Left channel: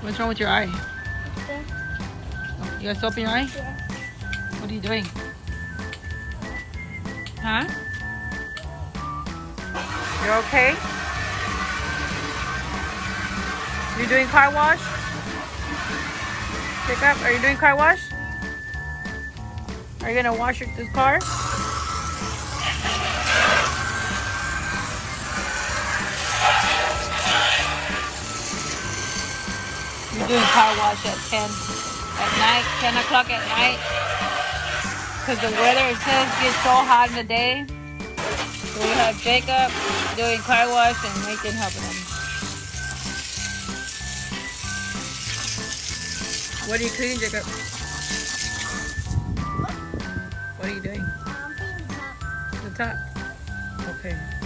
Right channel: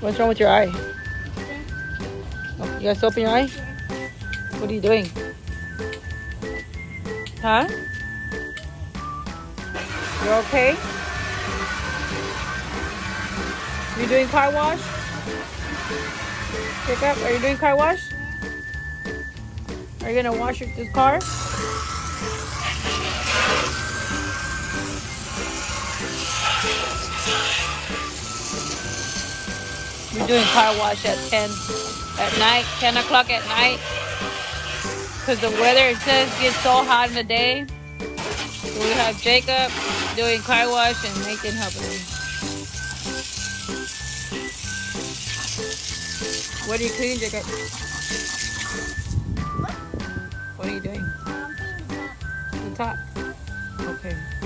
What's wrong with your eye? Yeah. You got soap in your eye? Yeah. What are you doing? Huh? You're okay? You doing car wash? Jacob, are you doing car wash? Are you gonna wash this car? You're doing car wash at 10 at night, 10 o'clock at night. Because the weather, it says, gets so hot in the day. So we have Jacob doing car wash and Nathan helping him. What are you cleaning, Jacob? What are you doing? Cleaning top. The top. Okay.